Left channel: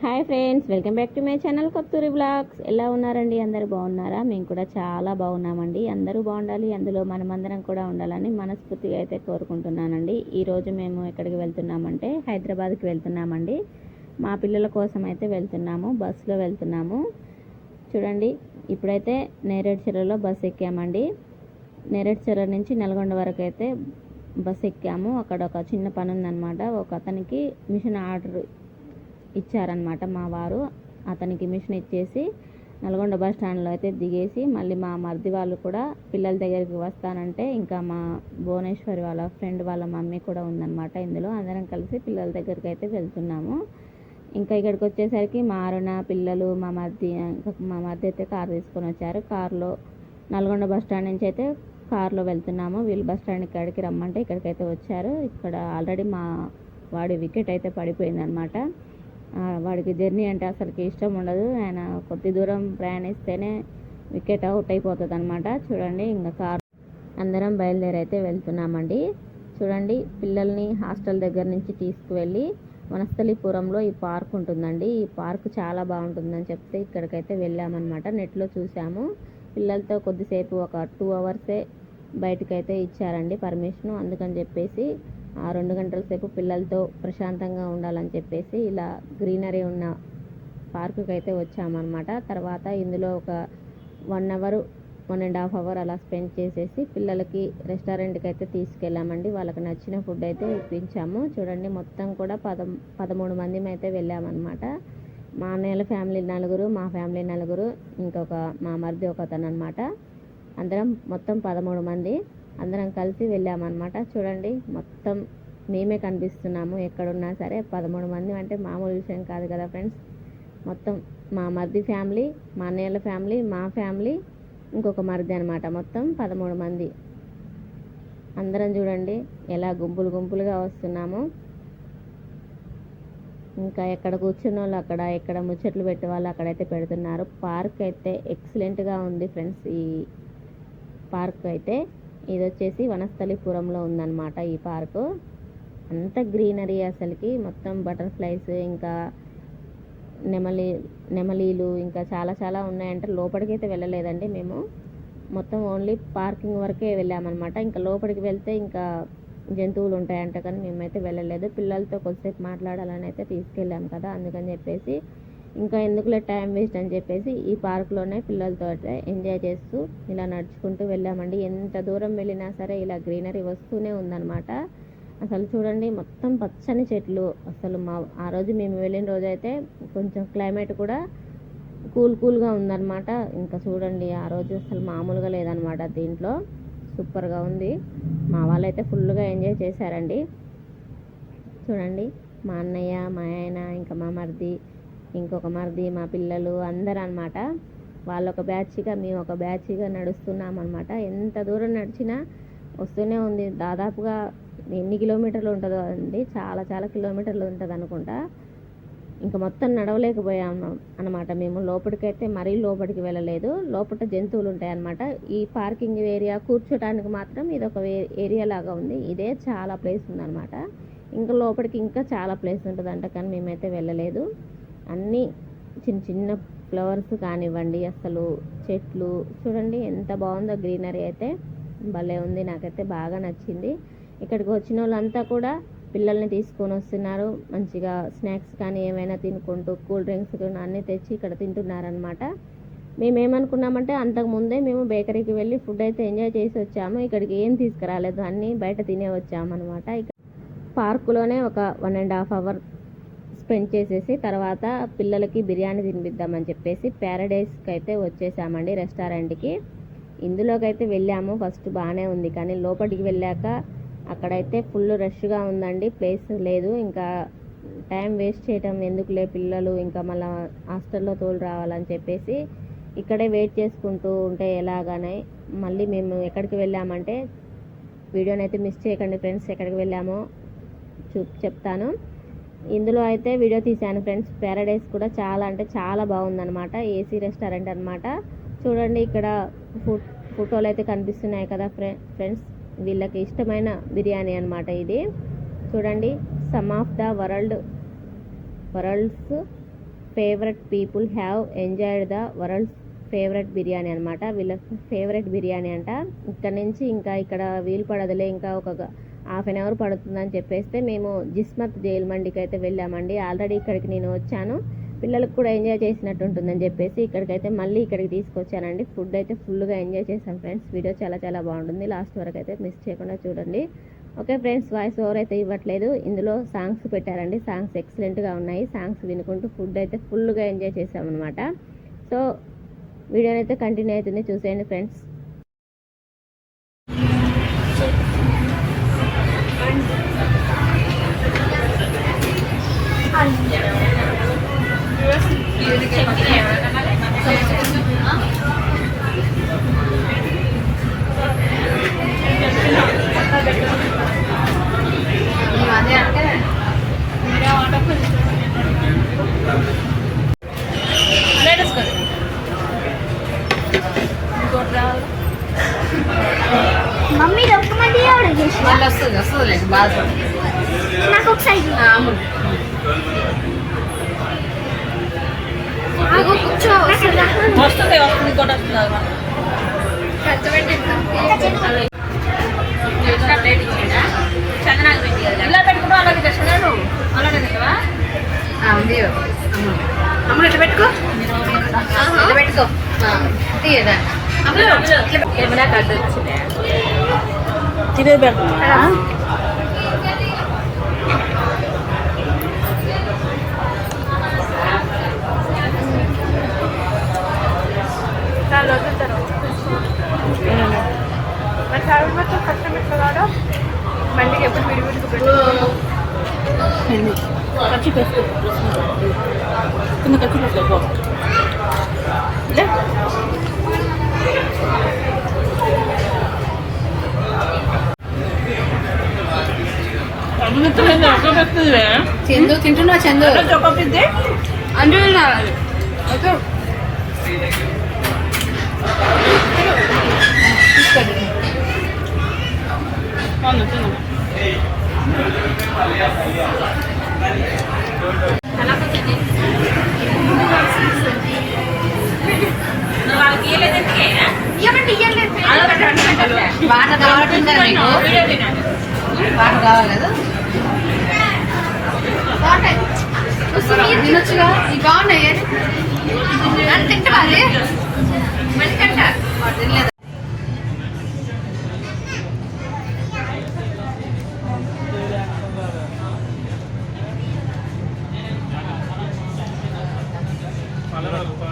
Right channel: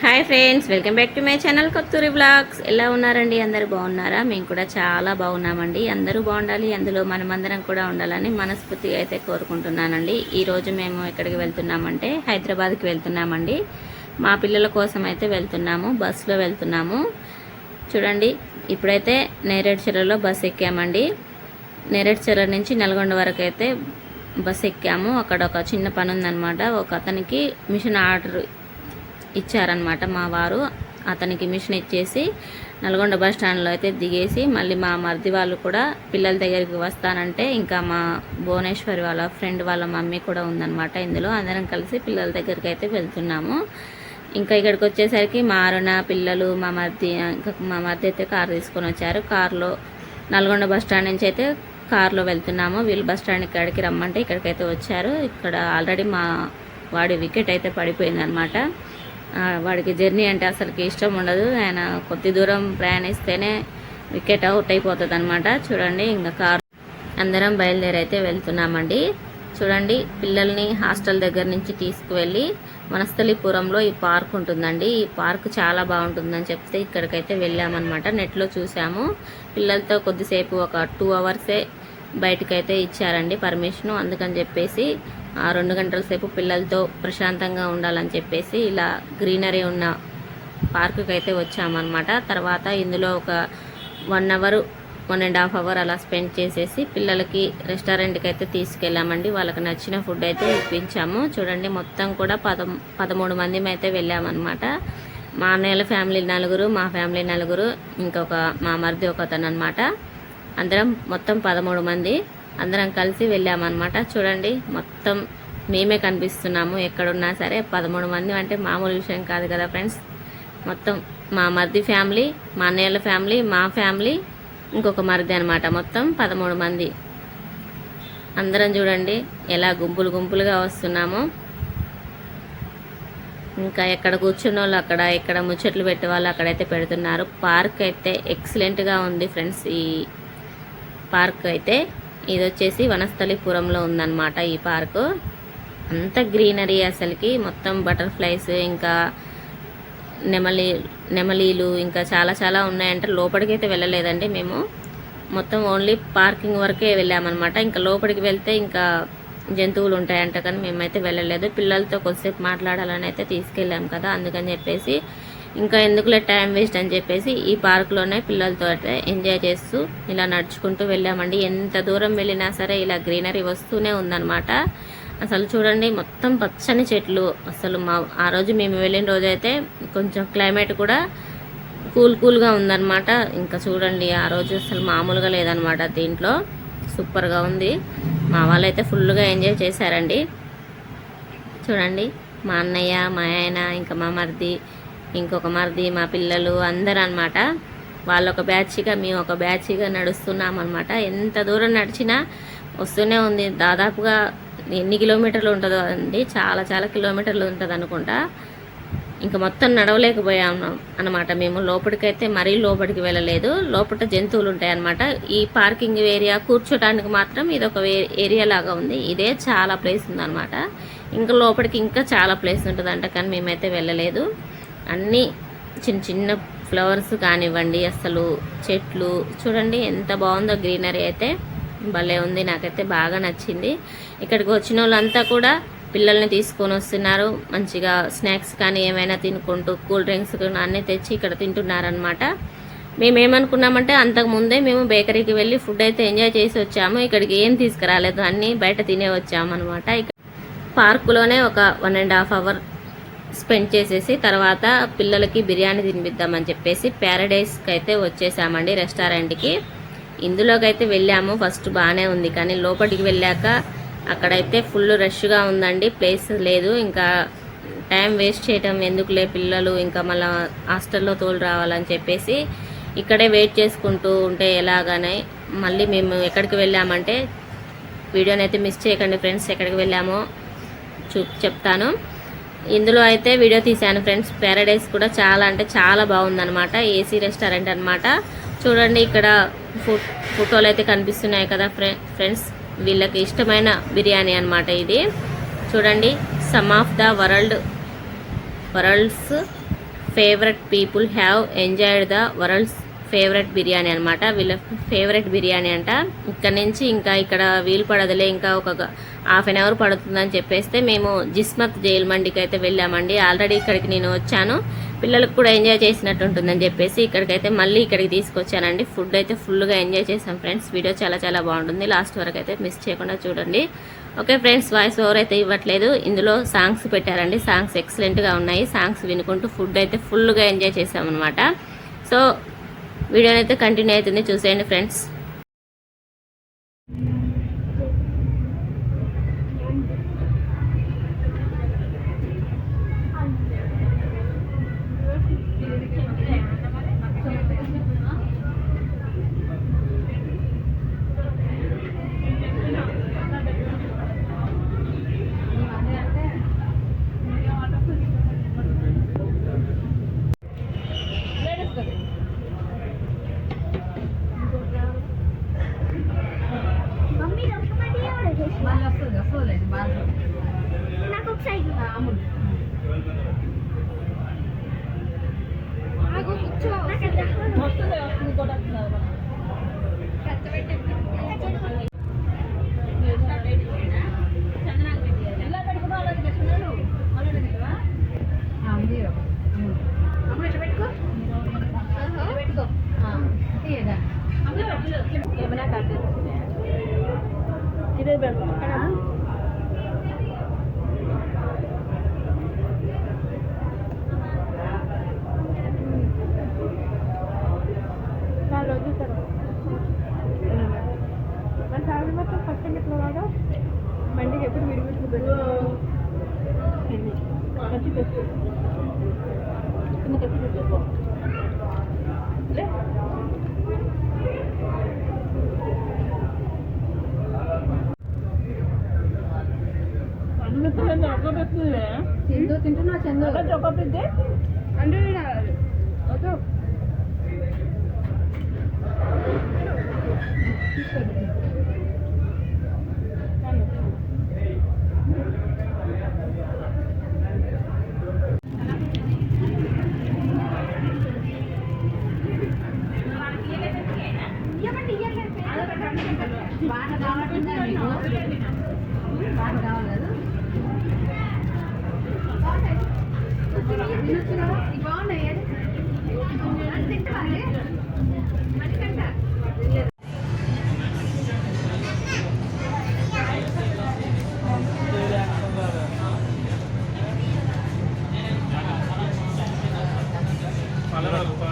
Hi friends welcome back to my channel Katturi blogs. ఎలా ఉన్నారండి? అందరూ బాగున్నారా? మేము కూడా చాలా బాగున్నామండి. అందరూ బాగుండాలి. అందులో మనమందరం కూడా ఉండాలని మనస్ఫూర్తిగా అయితే కోరుకుంటున్నానండి. ఈరోజు మేము ఎక్కడికి వెళ్తున్నామంటే హైదరాబాద్కి వెళ్తున్నామండి. మా పిల్లల కోసం అయితే వెళ్తున్నాము. బస్సులో వెళ్తున్నాము. చూడండి ఇప్పుడైతే నేరేడు చెరలో బస్ ఎక్కామండి. నేరేడు చెర నుంచి నల్గొండ వరకు అయితే బస్ ఎక్కాము. అక్కడ ఒక చిన్న పని ఉందన్నమాట ఒక అతనికి మిషన్ ఆర్డర్ ఇచ్చారనమాట మా వారు. అతనికి మిషన్ ఇచ్చేసి నల్గొండ బస్ స్టాండ్లో అయితే దిగేసి మళ్ళీ మా మరిది వాళ్ళు కూడా పిల్లల దగ్గరికి వస్తానంటే ఇంకా మా భువనేశ్వరి వాళ్ళ ఫ్రెండ్ వాళ్ళ మమ్మీ కూడా ఉందన్నమాట ఇందులో. అందరం కలిసి పిల్లల దగ్గరికి అయితే వెళ్తున్నాము. ఇంకా ఇక్కడికి వచ్చేసరికి మా అరుణ పిల్లలు మా మరిది ఇంకా మా మరిది అయితే కారు తీసుకొని వచ్చారు. కారులో నల్గొండ బస్ స్టాండ్ నుంచి అయితే కారులో వెళ్తున్నాము. వీళ్ళు బస్ స్టాండ్ ఇక్కడికి రమ్మంటే ఇక్కడికైతే వచ్చారు. ఇక్కడ ఆల్రెడీ మా వాడి వికెట్ అయితే పడిపోయిందనమాట వాడికి జర్నీ అంటే అసలుకి ఇష్టం ఉండదు. ఆయన కొద్ది దూరం ప్రయాణిస్తేనే వికెట్ అవుట్ అయిపోతుంది అనమాట చూడండి ఇంకా కారు అందరం బయలుదేరైతే వెళ్తున్నామండి. చూడండి పిల్లల్ని హాస్టల్ దగ్గర నుంచి తీసుకువెళ్ళి వనస్థలిపురంలో ఈ పార్క్ ఉంటుందండి. ఈ పార్క్ చాలా బాగుంటుందని చెప్తే ఇక్కడికైతే వెళ్ళామన్నమాట. నెట్లో చూసాము పిల్లలతో కొద్దిసేపు ఒక టూ అవర్సే బయటకైతే ఇచ్చారండి పర్మిషను. అందుకని చెప్పేసి రెండు గంటల సేపు పిల్లలతో ప్రశాంతంగా ఉండాలని చెప్పేసి ఇలా గ్రీనరీ ఉన్న పార్కుకి అయితే వచ్చామన్నమాట. తర్వాత ఇందులో ఒక one hour one and half hour అలా స్పెండ్ చేసేసి పిల్లలకి రెస్టారెంట్కి అయితే తీసుకెళ్ళామండి. వాళ్ళకి నచ్చిన ఫుడ్ అయితే ఇప్పించాము. చూడండి మొత్తం కూడా పదం పదమూడు మంది అయితే వెళ్ళామన్నమాట. మా అన్నయ్యల ఫ్యామిలీ నలుగురు మా ఫ్యామిలీ నలుగురు ఇంకొక మా మరిది ఒక అతను అనమాట అందరం మొత్తం పదమూడు మంది. అందరం కలిసి వెళ్ళామన్నమాట. చూడండి మొత్తం మేమే కనిపిస్తున్నాము. ఎక్కడున్నా సరే పదమూడు మంది అంటే మామూలు విషయం కాదు కదా ఫ్రెండ్స్. మొత్తం మా మరిది ఫ్యామిలీ మా అన్నయ్యల ఫ్యామిలీ మా ఫ్యామిలీ ఇంకొక మరిది అనమాట మొత్తం పదమూడు మంది. అందరం చూడండి ఎలా గుంపులు గుంపులుగా వస్తున్నాము. ఇంకా ఎక్కడ కూర్చున్న వాళ్ళు అక్కడ ఎక్కడ ముచ్చట్లు పెట్టే వాళ్ళు అక్కడైతే పెడుతున్నారు. పార్క్ అయితే ఎక్సలెంట్గా ఉంది ఫ్రెండ్స్. ఈ పార్క్ అయితే ఇది వచ్చేసి వనస్థలిపురంలో ఉందన్నమాట ఈ పార్కు. అంత గ్రీనరీ అసలుకి. మొత్తం బటర్ఫ్లైస్ ఇంకా నెమలి నెమలీలు ఇంకా చాలా చాలా ఉన్నాయంటే లోపలికి అయితే వెళ్ళలేదండి మేము. మొత్తం ఓన్లీ పార్కింగ్ వరకే వెళ్ళామన్నమాట. ఇంకా లోపలికి వెళ్తే ఇంకా జంతువులు ఉంటాయంట కానీ మేమైతే వెళ్ళలేదు. పిల్లలతో కొద్దిసేపు మాట్లాడాలని అయితే తీసుకెళ్ళాం కదా అందుకని చెప్పేసి ఇంకా ఎందుకులే టైం వేస్ట్ అని చెప్పేసి ఈ పార్క్లోనే పిల్లలతో అయితే ఎంజాయ్ చేస్తూ ఇలా నడుచుకుంటూ వెళ్ళామండి. ఎంత దూరం వెళ్ళినా సరే ఇలా గ్రీనరీ వస్తూనే ఉందన్నమాట. అసలు చూడండి మొత్తం పచ్చని చెట్లు. అసలు మా ఆ రోజు మేము వెళ్ళిన రోజైతే కొంచెం క్లైమేట్ కూడా కూల్ కూల్గా ఉందన్నమాట. ఇంకా చూడండి ఆ రోజు అసలు మామూలుగా లేదనమాట దీంట్లో. సూపర్గా ఉంది. మా వాళ్ళు అయితే ఫుల్గా ఎంజాయ్ చేశారండి. చూడండి మా అన్నయ్య మా ఆయన ఇంకా మా మరిది ఇంకొక మరిది మా పిల్లలు అందరూ అనమాట వాళ్ళు ఒక బ్యాచ్గా మేము ఒక బ్యాచ్గా నడుస్తున్నాం అనమాట ఎంత దూరం నడిచినా వస్తూనే ఉంది. దాదాపుగా ఎన్ని కిలోమీటర్లు ఉంటుందో అండి. చాలా చాలా కిలోమీటర్లు ఉంటుంది అనుకుంటా ఇంకా మొత్తం నడవలేకపోయాము అనమాట మేము. లోపలికైతే మరీ లోపలికి వెళ్ళలేదు. లోపల జంతువులు ఉంటాయి అనమాట ఈ పార్కింగ్ ఏరియా కూర్చోటానికి మాత్రం ఇది ఒక ఏరియా లాగా ఉంది. ఇదే చాలా ప్లేస్ ఉందన్నమాట. ఇంకా లోపలికి ఇంకా చాలా ప్లేస్ ఉంటుందంట కానీ మేమైతే వెళ్ళలేదు. అన్నీ చిన్న చిన్న ఫ్లవర్స్ కానివ్వండి అసలు చెట్లు. చూడండి ఎంత బాగుందో గ్రీనరీ అయితే. భలే ఉంది నాకైతే బాగా నచ్చింది. ఇక్కడికి వచ్చిన వాళ్ళంతా కూడా పిల్లల్ని తీసుకొని వస్తున్నారు. మంచిగా స్నాక్స్ కానీ ఏమైనా తినుకుంటూ కూల్ డ్రింక్స్ అన్నీ తెచ్చి ఇక్కడ తింటున్నారనమాట మేము ఏమనుకున్నామంటే అంతకు ముందే మేము బేకరీకి వెళ్ళి ఫుడ్ అయితే ఎంజాయ్ చేసి వచ్చాము. ఇక్కడికి ఏం తీసుకురాలేదు అన్నీ బయట తినే వచ్చామనమాట ఇక్కడ పార్కులోనే ఒక one and half hour spend చేసేసి తర్వాత పిల్లలకి బిర్యానీ తినిపిద్దామని చెప్పేసి ప్యారడైస్కి అయితే వచ్చేసామండి రెస్టారెంట్కి. ఇందులోకి అయితే వెళ్ళాము. ఫస్ట్ బాగానే ఉంది కానీ లోపలికి వెళ్ళాక అక్కడైతే ఫుల్ రష్గా ఉందండి. ప్లేస్ లేదు. ఇంకా టైం వేస్ట్ చేయటం ఎందుకులే పిల్లలు? ఇంకా మళ్ళీ హాస్టల్లో తోలు రావాలని చెప్పేసి ఇక్కడే వెయిట్ చేసుకుంటూ ఉంటే ఎలాగనే మళ్ళీ మేము ఎక్కడికి వెళ్ళామంటే వీడియోని అయితే మిస్ చేయకండి ఫ్రెండ్స్. ఎక్కడికి వెళ్ళామో చూ చెప్తాను. ఇందులో అయితే వీడియో తీశాను ఫ్రెండ్స్. ప్యారడైస్ కూడా చాలా అంటే చాలా బాగుందనమాట ఏసీ రెస్టారెంట్ అనమాట చూడండి ఇక్కడ ఫోటోలు అయితే కనిపిస్తున్నాయి కదా ఫ్రెండ్స్. వీళ్ళకి ఇష్టమైన బిర్యానీ అనమాట ఇది. చూడండి some of the world world's favourite people have enjoyed the world's favourite biryani అనమాట వీళ్ళ ఫేవరెట్ బిర్యానీ అంట. ఇక్కడ నుంచి ఇంకా ఇక్కడ వీలు పడదులే ఇంకా ఒక హాఫ్ అన్ అవర్ పడుతుందని చెప్పేస్తే మేము జిస్మత్ జైల్ మండికి అయితే వెళ్ళామండి. ఆల్రెడీ ఇక్కడికి నేను వచ్చాను. పిల్లలకు కూడా ఎంజాయ్ చేసినట్టు ఉంటుందని చెప్పేసి ఇక్కడికైతే మళ్ళీ ఇక్కడికి తీసుకొచ్చానండి. ఫుడ్ అయితే ఫుల్గా ఎంజాయ్ చేసాం ఫ్రెండ్స్. వీడియో చాలా చాలా బాగుంటుంది. లాస్ట్ వరకు అయితే మిస్ చేయకుండా చూడండి. ఓకే ఫ్రెండ్స్ వాయిస్ ఓవర్ అయితే ఇవ్వట్లేదు. ఇందులో సాంగ్స్ పెట్టారండి. సాంగ్స్ ఎక్సలెంట్గా ఉన్నాయి. సాంగ్స్ వినుకుంటూ ఫుడ్ అయితే ఫుల్గా ఎంజాయ్ చేసామన్నమాట సో వీడియోని అయితే కంటిన్యూ అవుతుంది. చూసేయండి ఫ్రెండ్స్. వస్తుంది బాగా నాకు ఒకసారి వస్తుంది వస్తుంది వస్తుంది ఇలా అలాగే తెచ్చుకున్నాను అలాగే ఉంది ఇట్లా పెట్టుకో ఇట్లా పెట్టుకో తీయదా ఏమైనా కట్టు తిరిగి పెడతా నాలుగు రోజుల తర్వాత మరి ఫ్యామిలీ మొత్తం కష్టం ఎట్లా కాదు బండికి ఎప్పుడు విడివిడికి పెట్టు ఖర్చు పెట్టుకో కింద ఖర్చు చందు తింటున్నా చందు? చొక్కపోతే అంజు ఇవ్వండి, ఆ